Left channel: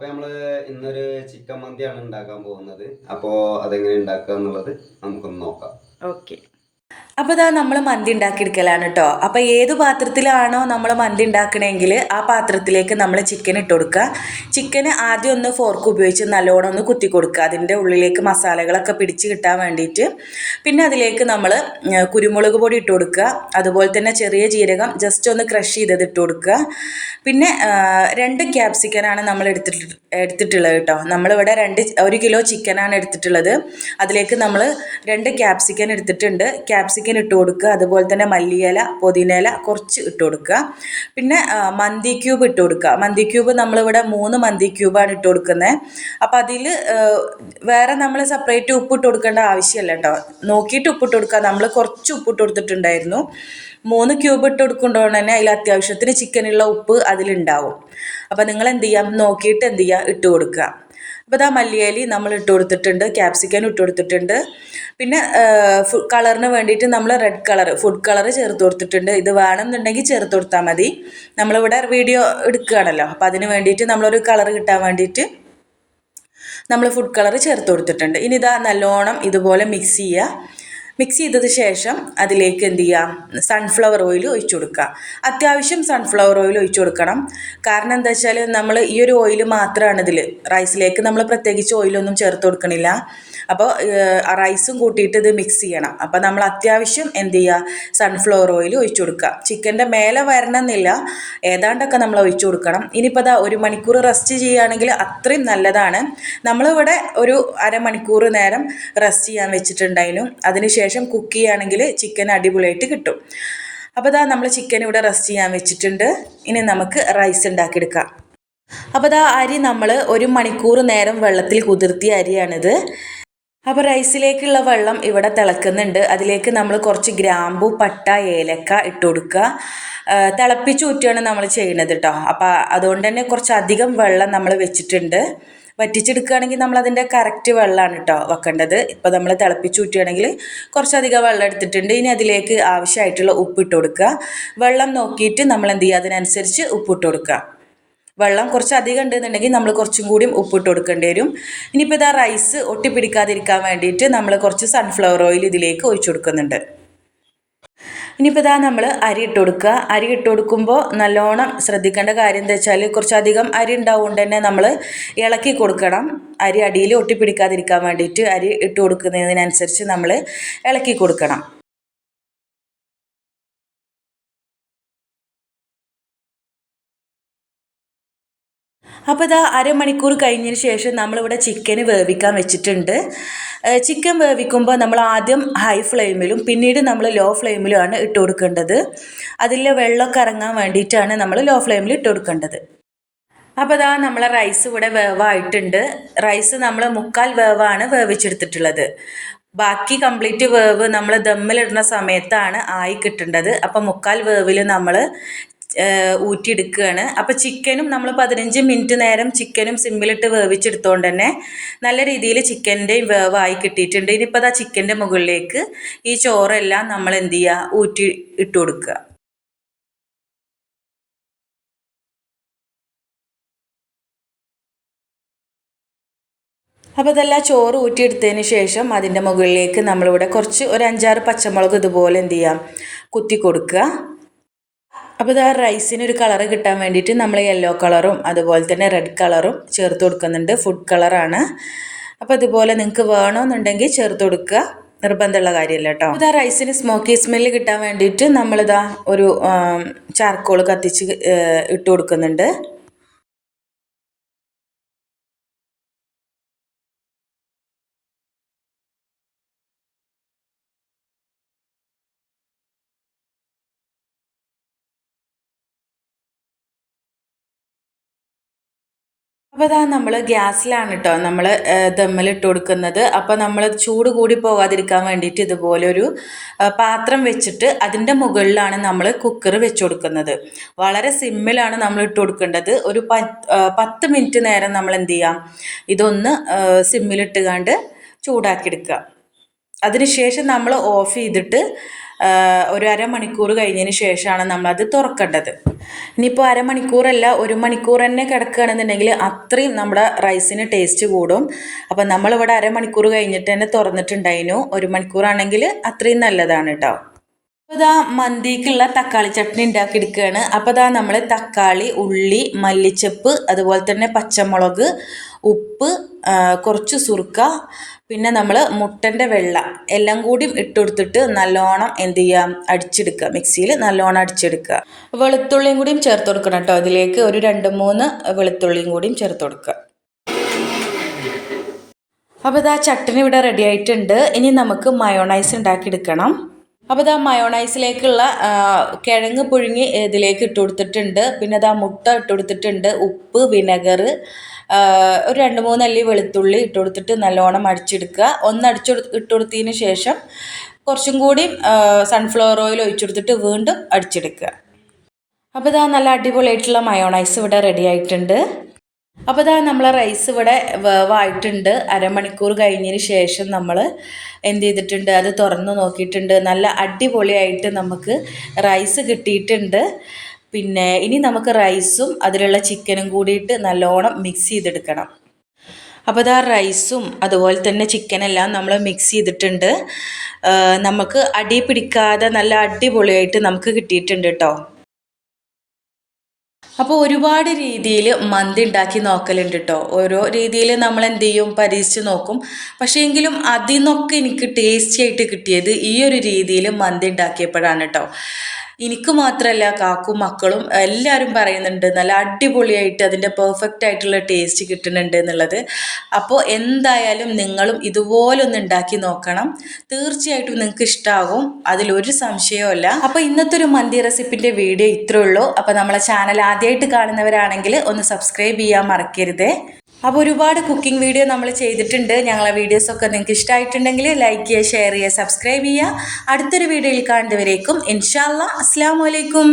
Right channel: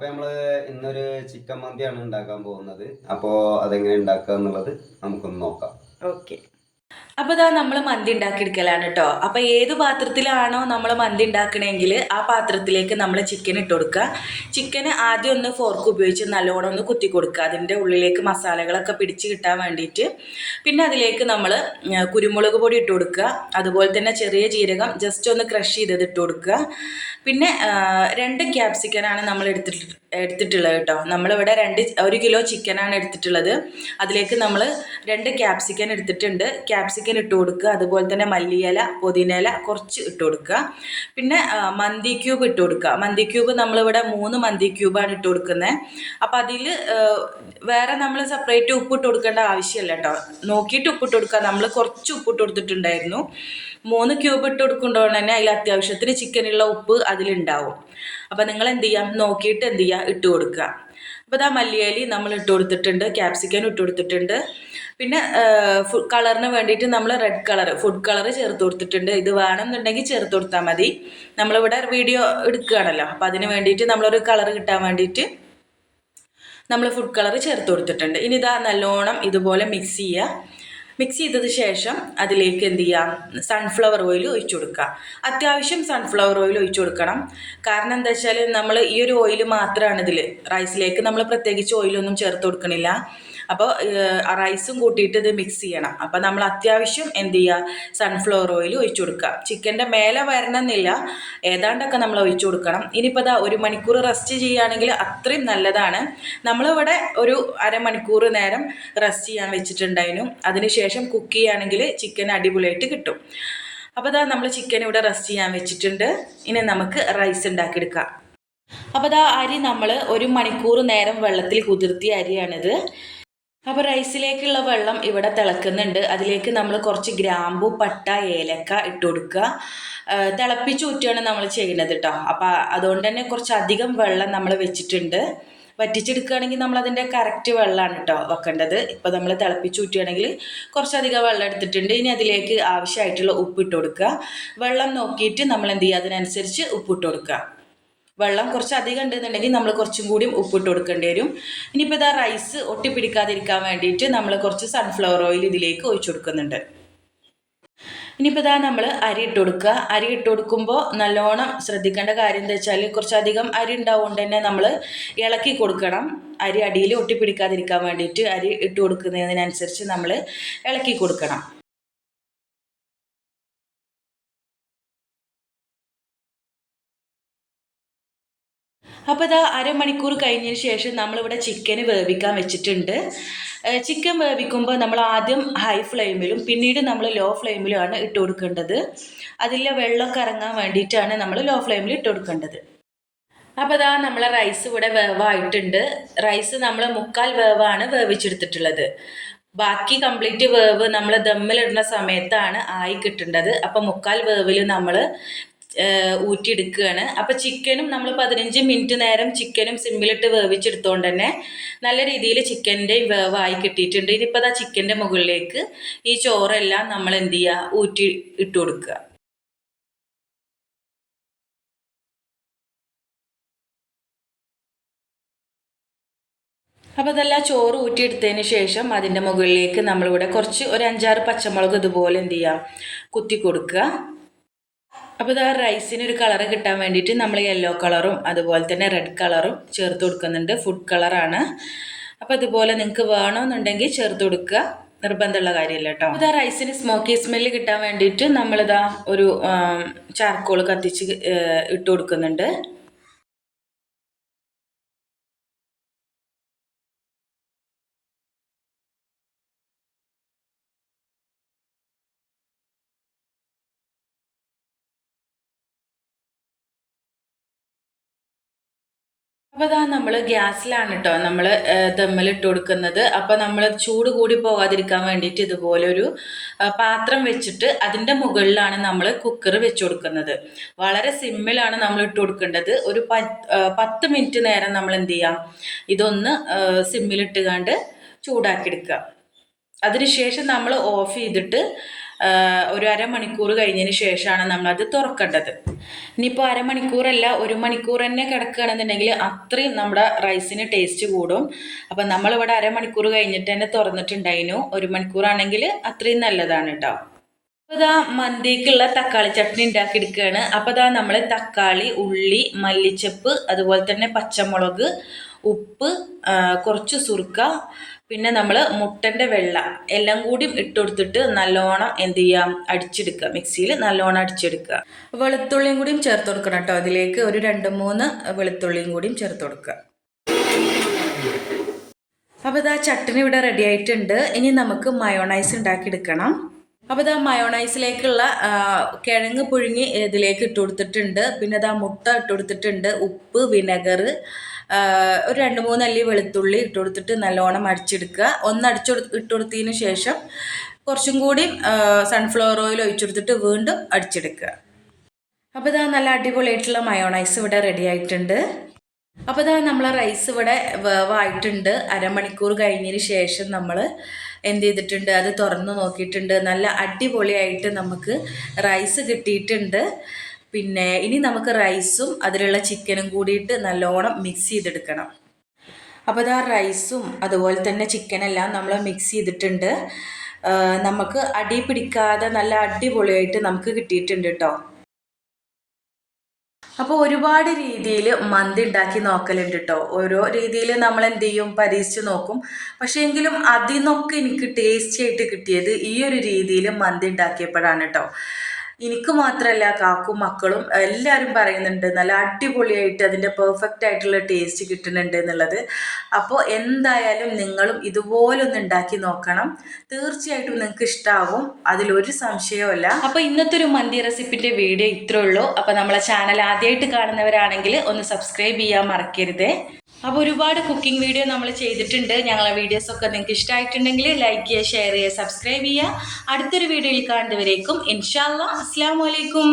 അപ്പൊ നമ്മൾ ഇന്നൊരു ചിക്കൻ മന്തിയാണ് ഉണ്ടാക്കാൻ പോകുന്നത്. അപ്പോ അതെങ്ങനെ ഉണ്ടാക്കുക എന്നുള്ളത് നമുക്കൊന്ന് നോക്കാം. ഓക്കെ. അപ്പോൾ ഇതാ നമ്മൾ മന്തി ഉണ്ടാക്കിയെടുക്കലാണ് കേട്ടോ അപ്പോൾ ഏത് പാത്രത്തിലാണോ നമ്മൾ മന്തി ഉണ്ടാക്കണമെങ്കിൽ ആ പാത്രത്തിലേക്ക് നമ്മൾ ചിക്കൻ ഇട്ട് കൊടുക്കുക. ചിക്കൻ ആദ്യം ഒന്ന് ഫോർക്ക് ഉപയോഗിച്ച് നല്ലോണം ഒന്ന് കുത്തി കൊടുക്കുക. അതിന്റെ ഉള്ളിലേക്ക് മസാലകളൊക്കെ പിടിച്ച് കിട്ടാൻ വേണ്ടിയിട്ട്. പിന്നെ അതിലേക്ക് നമ്മൾ കുരുമുളക് പൊടി ഇട്ട് കൊടുക്കുക. അതുപോലെ തന്നെ ചെറിയ ജീരകം ജസ്റ്റ് ഒന്ന് ക്രഷ് ചെയ്തത് ഇട്ട് കൊടുക്കുക. പിന്നെ രണ്ട് ക്യാപ്സിക്കനാണ് നമ്മൾ എടുത്തിട്ട് എടുത്തിട്ടുള്ളത് കേട്ടോ നമ്മളിവിടെ രണ്ട് ഒരു കിലോ ചിക്കനാണ് എടുത്തിട്ടുള്ളത്. അതിലേക്ക് നമ്മൾ രണ്ട് ക്യാപ്സിക്കൻ എടുത്തിട്ടുണ്ട്. ക്യാപ്സിക്കൻ ഇട്ട് കൊടുക്കുക. അതുപോലെ തന്നെ മല്ലിയില പുതിനയില കുറച്ച് ഇട്ട് കൊടുക്കുക. പിന്നെ മന്തി ക്യൂബ് ഇട്ട് കൊടുക്കുക. മന്തി ക്യൂബ് നമ്മളിവിടെ മൂന്ന് മന്തി ക്യൂബാണ് ഇട്ട് കൊടുക്കുന്നത്. അപ്പം അതിൽ വേറെ നമ്മൾ സെപ്പറേറ്റ് ഉപ്പിട്ട് കൊടുക്കേണ്ട ആവശ്യമില്ല കേട്ടോ. നോക്കിയിട്ട് ഉപ്പിട്ട് കൊടുക്കുക. നമ്മൾ കുറച്ച് ഉപ്പിട്ട് കൊടുത്തിട്ടുണ്ടായിരുന്നു. മൂന്ന് ക്യൂബ് ഇട്ട് കൊടുക്കുമ്പോൾ തന്നെ അതിൽ അത്യാവശ്യത്തിന് ചിക്കനുള്ള ഉപ്പ് അതിലുണ്ടാവും. അപ്പോൾ നിങ്ങൾ എന്ത് ചെയ്യാം? നോക്കിയിട്ട് എന്ത് ചെയ്യുക ഇട്ട് കൊടുക്കുക. അപ്പോൾ ഇതാ മല്ലിയലി നമ്മൾ ഇട്ട് കൊടുത്തിട്ടുണ്ട് ക്യാപ്സിക്കൻ ഇട്ട് കൊടുത്തിട്ടുണ്ട്. പിന്നെ കളറിന് വേണ്ടിയിട്ട് നമ്മൾ റെഡ് കളർ ഫുഡ് കളർ ചേർത്ത് കൊടുത്തിട്ടുണ്ട്. ഇത് വേണമെന്നുണ്ടെങ്കിൽ ചേർത്ത് കൊടുത്താൽ മതി. നമ്മളിവിടെ വീഡിയോ എടുക്കുകയാണല്ലോ. അപ്പോൾ അതിന് വേണ്ടിയിട്ട് നമ്മളൊരു കളർ കിട്ടാൻ വേണ്ടിയിട്ട് നമ്മൾ ഫുഡ് കളർ ചേർത്ത് കൊടുത്തിട്ടുണ്ട്. ഇനി ഇതാ നല്ലോണം ഇതുപോലെ മിക്സ് ചെയ്യുക മിക്സ് ചെയ്തത് ശേഷം അതിലേക്ക് എന്ത് ചെയ്യാം? സൺഫ്ലവർ ഓയിൽ ഒഴിച്ചു കൊടുക്കുക. അത്യാവശ്യം സൺഫ്ലവർ ഓയിൽ ഒഴിച്ചു കൊടുക്കണം. കാരണം എന്താ വെച്ചാൽ നമ്മൾ ഈ ഒരു ഓയിൽ മാത്രമാണ് ഇതിൽ റൈസിലേക്ക് നമ്മൾ പ്രത്യേകിച്ച് ഓയിലൊന്നും ചേർത്ത് കൊടുക്കണില്ല. അപ്പോൾ റൈസും കൂട്ടിയിട്ട് ഇത് മിക്സ് ചെയ്യണം. അപ്പോൾ നമ്മൾ അത്യാവശ്യം എന്ത് ചെയ്യുക? സൺഫ്ലവർ ഓയിൽ ഒഴിച്ചു കൊടുക്കുക. ചിക്കന്റെ മേലെ വരണമെന്നില്ല. ഏതാണ്ടൊക്കെ നമ്മൾ ഒഴിച്ചു കൊടുക്കണം. ഇനിയിപ്പോൾ അതാ ഒരു മണിക്കൂർ റെസ്റ്റ് ചെയ്യുകയാണെങ്കിൽ അത്രയും നല്ലതാണ്. നമ്മളിവിടെ ഒരു അരമണിക്കൂർ നേരം റെസ്റ്റ് ചെയ്യാൻ വെച്ചിട്ടുണ്ടായിരുന്നു. അതിനുശേഷം കുക്ക് ചെയ്യുകയാണെങ്കിൽ ചിക്കൻ അടിപൊളിയായിട്ട് കിട്ടും. അപ്പോൾ ഇതാ നമ്മൾ ചിക്കൻ ഇവിടെ റെസ്റ്റ് ചെയ്യാൻ വെച്ചിട്ടുണ്ട്. ഇനി നമുക്ക് റൈസ് ഉണ്ടാക്കിയെടുക്കാം. അപ്പോൾ ഇതാ അരി നമ്മൾ ഒരു മണിക്കൂർ നേരം വെള്ളത്തിൽ കുതിർത്തിയ അരിയാണിത്. അപ്പോൾ റൈസിലേക്കുള്ള വെള്ളം ഇവിടെ തിളക്കുന്നുണ്ട്. അതിലേക്ക് നമ്മൾ കുറച്ച് ഗ്രാമ്പു പട്ട ഏലക്ക ഇട്ട് കൊടുക്കുക. തിളപ്പിച്ച് ഊറ്റുകയാണ് നമ്മൾ ചെയ്യുന്നത് കേട്ടോ അപ്പോൾ അതുകൊണ്ട് തന്നെ കുറച്ചധികം വെള്ളം നമ്മൾ വെച്ചിട്ടുണ്ട്. വറ്റിച്ചെടുക്കുകയാണെങ്കിൽ നമ്മൾ അതിന്റെ കറക്റ്റ് വെള്ളമാണ് കേട്ടോ വെക്കേണ്ടത്. ഇപ്പോൾ നമ്മൾ തിളപ്പിച്ച് ഊറ്റുകയാണെങ്കിൽ കുറച്ചധികം വെള്ളം എടുത്തിട്ടുണ്ട്. ഇനി അതിലേക്ക് ആവശ്യമായിട്ടുള്ള ഉപ്പിട്ട് കൊടുക്കുക. വെള്ളം നോക്കിയിട്ട് നമ്മൾ എന്ത് ചെയ്യുക? അതിനനുസരിച്ച് ഉപ്പിട്ട് കൊടുക്കുക. വെള്ളം കുറച്ച് അധികം ഉണ്ടെന്നുണ്ടെങ്കിൽ നമ്മൾ കുറച്ചും കൂടി ഉപ്പിട്ട് കൊടുക്കേണ്ടി വരും. ഇനിയിപ്പോൾ ഇതാ റൈസ് ഒട്ടിപ്പിടിക്കാതിരിക്കാൻ വേണ്ടിയിട്ട് നമ്മൾ കുറച്ച് സൺഫ്ലവർ ഓയിൽ ഇതിലേക്ക് ഒഴിച്ചു കൊടുക്കുന്നുണ്ട്. ഇനിയിപ്പോൾ ഇതാ നമ്മൾ അരി ഇട്ട് കൊടുക്കുക. അരി ഇട്ട് കൊടുക്കുമ്പോൾ നല്ലോണം ശ്രദ്ധിക്കേണ്ട കാര്യം എന്താ വെച്ചാൽ കുറച്ചധികം അരി ഉണ്ടാവുകൊണ്ട് തന്നെ നമ്മൾ ഇളക്കി കൊടുക്കണം. അരി അടിയിൽ ഒട്ടിപ്പിടിക്കാതിരിക്കാൻ വേണ്ടിയിട്ട് അരി ഇട്ട് കൊടുക്കുന്നതിനനുസരിച്ച് നമ്മൾ ഇളക്കി കൊടുക്കണം. അപ്പോൾ ഇതാ അരമണിക്കൂർ കഴിഞ്ഞതിന് ശേഷം നമ്മളിവിടെ ചിക്കന് വേവിക്കാൻ വെച്ചിട്ടുണ്ട്. ചിക്കൻ വേവിക്കുമ്പോൾ നമ്മൾ ആദ്യം ഹൈ ഫ്ലെയിമിലും പിന്നീട് നമ്മൾ ലോ ഫ്ലെയിമിലുമാണ് ഇട്ട് കൊടുക്കേണ്ടത്. അതിലെ വെള്ളമൊക്കെ ഇറങ്ങാൻ വേണ്ടിയിട്ടാണ് നമ്മൾ ലോ ഫ്ലെയിമിൽ ഇട്ട് കൊടുക്കേണ്ടത്. അപ്പോൾ അതാ നമ്മളെ റൈസ് ഇവിടെ വേവായിട്ടുണ്ട്. റൈസ് നമ്മൾ മുക്കാൽ വേവാണ് വേവിച്ചെടുത്തിട്ടുള്ളത്. ബാക്കി കംപ്ലീറ്റ് വേവ് നമ്മൾ ദമ്മിലിടുന്ന സമയത്താണ് ആയി കിട്ടേണ്ടത്. അപ്പോൾ മുക്കാൽ വേവിൽ നമ്മൾ ഊറ്റിയെടുക്കുകയാണ്. അപ്പോൾ ചിക്കനും നമ്മൾ പതിനഞ്ച് മിനിറ്റ് നേരം ചിക്കനും സിമ്പിളിട്ട് വേവിച്ചെടുത്തോണ്ട് തന്നെ നല്ല രീതിയിൽ ചിക്കന്റെയും വേവായി കിട്ടിയിട്ടുണ്ട്. ഇനിയിപ്പോൾ അതാ ചിക്കന്റെ മുകളിലേക്ക് ഈ ചോറെല്ലാം നമ്മൾ എന്ത് ചെയ്യുക ഊറ്റി ഇട്ട് കൊടുക്കുക. അപ്പോൾ ഇതെല്ലാം ചോറ് ഊറ്റിയെടുത്തതിന് ശേഷം അതിന്റെ മുകളിലേക്ക് നമ്മളിവിടെ കുറച്ച് ഒരു അഞ്ചാറ് പച്ചമുളക് ഇതുപോലെ എന്ത് ചെയ്യാം? കുത്തി കൊടുക്കുക. അപ്പോൾ ഇത് ആ റൈസിന് ഒരു കളറ് കിട്ടാൻ വേണ്ടിയിട്ട് നമ്മൾ യെല്ലോ കളറും അതുപോലെ തന്നെ റെഡ് കളറും ചേർത്ത് കൊടുക്കുന്നുണ്ട്. ഫുഡ് കളറാണ് അപ്പോൾ അതുപോലെ നിങ്ങൾക്ക് വേണമെന്നുണ്ടെങ്കിൽ ചേർത്ത് കൊടുക്കുക. നിർബന്ധമുള്ള കാര്യമല്ല കേട്ടോ. ഇത് റൈസിന് സ്മോക്കി സ്മെല്ല് കിട്ടാൻ വേണ്ടിയിട്ട് നമ്മളിതാ ഒരു ചാർക്കോൾ കത്തിച്ച് ഇട്ട് കൊടുക്കുന്നുണ്ട്. അപ്പോൾ ഇതാ നമ്മൾ ഗ്യാസിലാണ് കേട്ടോ നമ്മൾ ദമ്മിലിട്ട് കൊടുക്കുന്നത്. അപ്പോൾ നമ്മൾ ചൂട് കൂടി പോകാതിരിക്കാൻ വേണ്ടിയിട്ട് ഇതുപോലൊരു പാത്രം വെച്ചിട്ട് അതിന്റെ മുകളിലാണ് നമ്മൾ കുക്കർ വെച്ച് കൊടുക്കുന്നത്. വളരെ സിമ്മിലാണ് നമ്മൾ ഇട്ട് കൊടുക്കേണ്ടത്. ഒരു പത്ത് മിനിറ്റ് നേരം നമ്മൾ എന്ത് ചെയ്യാം? ഇതൊന്ന് സിമ്മിലിട്ട് കണ്ട് ചൂടാക്കിയെടുക്കുക അതിനുശേഷം നമ്മൾ ഓഫ് ചെയ്തിട്ട് ഒരു അരമണിക്കൂർ കഴിഞ്ഞതിന് ശേഷമാണ് നമ്മളത് തുറക്കേണ്ടത്. ഇനിയിപ്പോൾ അരമണിക്കൂറല്ല ഒരു മണിക്കൂർ തന്നെ കിടക്കുകയാണെന്നുണ്ടെങ്കിൽ അത്രയും നമ്മുടെ റൈസിന് ടേസ്റ്റ് കൂടും. അപ്പം നമ്മളിവിടെ അരമണിക്കൂർ കഴിഞ്ഞിട്ട് തന്നെ തുറന്നിട്ടുണ്ടായിരുന്നു. ഒരു മണിക്കൂറാണെങ്കിൽ അത്രയും നല്ലതാണ് കേട്ടോ അപ്പോൾ ഇതാ മന്തിക്കുള്ള തക്കാളി ചട്നി ഉണ്ടാക്കിയെടുക്കുകയാണ്. അപ്പോൾ ഇതാ നമ്മൾ തക്കാളി ഉള്ളി മല്ലിച്ചപ്പ് അതുപോലെ തന്നെ പച്ചമുളക് ഉപ്പ് കുറച്ച് സുർക്ക പിന്നെ നമ്മൾ മുട്ടന്റെ വെള്ള എല്ലാം കൂടി ഇട്ടുകൊടുത്തിട്ട് നല്ലോണം എന്ത് ചെയ്യാം അടിച്ചെടുക്കുക. മിക്സിയിൽ നല്ലോണം അടിച്ചെടുക്കുക. വെളുത്തുള്ളിയും കൂടിയും ചേർത്ത് കൊടുക്കണം കേട്ടോ അതിലേക്ക്. ഒരു രണ്ട് മൂന്ന് വെളുത്തുള്ളിയും കൂടിയും ചേർത്ത് കൊടുക്കുക. അപ്പോൾ ഇതാ ചട്ടണി ഇവിടെ റെഡി ആയിട്ടുണ്ട്. ഇനി നമുക്ക് മയോണൈസ് ഉണ്ടാക്കിയെടുക്കണം. അപ്പോൾ ഇതാ മയോണൈസിലേക്കുള്ള കിഴങ്ങ് പുഴുങ്ങി ഇതിലേക്ക് ഇട്ട് കൊടുത്തിട്ടുണ്ട്. പിന്നെ ഇതാ മുട്ട ഇട്ട് കൊടുത്തിട്ടുണ്ട്. ഉപ്പ് വിനെഗർ ഒരു രണ്ട് മൂന്നല്ലി വെളുത്തുള്ളി ഇട്ട് കൊടുത്തിട്ട് നല്ലോണം അടിച്ചെടുക്കുക. ഒന്ന് അടിച്ചു ഇട്ട് കൊടുത്തതിന് ശേഷം കുറച്ചും കൂടി സൺഫ്ലവർ ഓയിൽ ഒഴിച്ചു കൊടുത്തിട്ട് വീണ്ടും അടിച്ചെടുക്കുക. അപ്പോൾ ഇതാ നല്ല അടിപൊളിയായിട്ടുള്ള മയോണൈസ് ഇവിടെ റെഡി ആയിട്ടുണ്ട്. അപ്പോൾ ഇതാ നമ്മൾ റൈസ് ഇവിടെ വേവായിട്ടുണ്ട്. അരമണിക്കൂർ കഴിഞ്ഞതിന് ശേഷം നമ്മൾ എന്ത് ചെയ്തിട്ടുണ്ട്? അത് തുറന്ന് നോക്കിയിട്ടുണ്ട്. നല്ല അടിപൊളിയായിട്ട് നമുക്ക് റൈസ് കിട്ടിയിട്ടുണ്ട്. പിന്നെ ഇനി നമുക്ക് റൈസും അതിലുള്ള ചിക്കനും കൂടിയിട്ട് നല്ലോണം മിക്സ് ചെയ്തെടുക്കണം. അപ്പോൾ ഇതാ റൈസും അതുപോലെ തന്നെ ചിക്കനെല്ലാം നമ്മൾ മിക്സ് ചെയ്തിട്ടുണ്ട്. നമുക്ക് അടി പിടിക്കാതെ നല്ല അടിപൊളിയായിട്ട് നമുക്ക് കിട്ടിയിട്ടുണ്ട് കേട്ടോ അപ്പോൾ ഒരുപാട് രീതിയിൽ മന്തി ഉണ്ടാക്കി നോക്കലുണ്ട് കേട്ടോ ഓരോ രീതിയിൽ നമ്മൾ എന്ത് ചെയ്യും? പരീക്ഷിച്ച് നോക്കും. പക്ഷേ എങ്കിലും അതിൽ നിന്നൊക്കെ എനിക്ക് ടേസ്റ്റി ആയിട്ട് കിട്ടിയത് ഈ ഒരു രീതിയിൽ മന്തി ഉണ്ടാക്കിയപ്പോഴാണ് കേട്ടോ എനിക്ക് മാത്രമല്ല കാക്കും മക്കളും എല്ലാവരും പറയുന്നുണ്ട് നല്ല അടിപൊളിയായിട്ട് അതിന്റെ പെർഫെക്റ്റ് ആയിട്ടുള്ള ടേസ്റ്റ് കിട്ടുന്നുണ്ട് എന്നുള്ളത്. അപ്പോൾ എന്തായാലും നിങ്ങളും ഇതുപോലൊന്ന് ഉണ്ടാക്കി നോക്കണം. തീർച്ചയായിട്ടും നിങ്ങൾക്ക് ഇഷ്ടമാകും അതിലൊരു സംശയവുമില്ല അപ്പോൾ ഇന്നത്തെ ഒരു മന്തി റെസിപ്പിന്റെ വീഡിയോ ഇത്രയുള്ളൂ അപ്പോൾ നമ്മളെ ചാനൽ ആദ്യമായിട്ട് കാണുന്നവരാണെങ്കിൽ ഒന്ന് സബ്സ്ക്രൈബ് ചെയ്യാൻ മറക്കരുതേ. അപ്പോൾ ഒരുപാട് കുക്കിംഗ് വീഡിയോ നമ്മൾ ചെയ്തിട്ടുണ്ട്. ഞങ്ങളെ വീഡിയോസൊക്കെ നിങ്ങൾക്ക് ഇഷ്ടമായിട്ടുണ്ടെങ്കിൽ ലൈക്ക് ചെയ്യുക ഷെയർ ചെയ്യുക സബ്സ്ക്രൈബ് ചെയ്യുക. അടുത്തൊരു വീഡിയോയിൽ കാണുന്നവരേക്കും ഇൻഷാല്ല അസ്സാം വലൈക്കും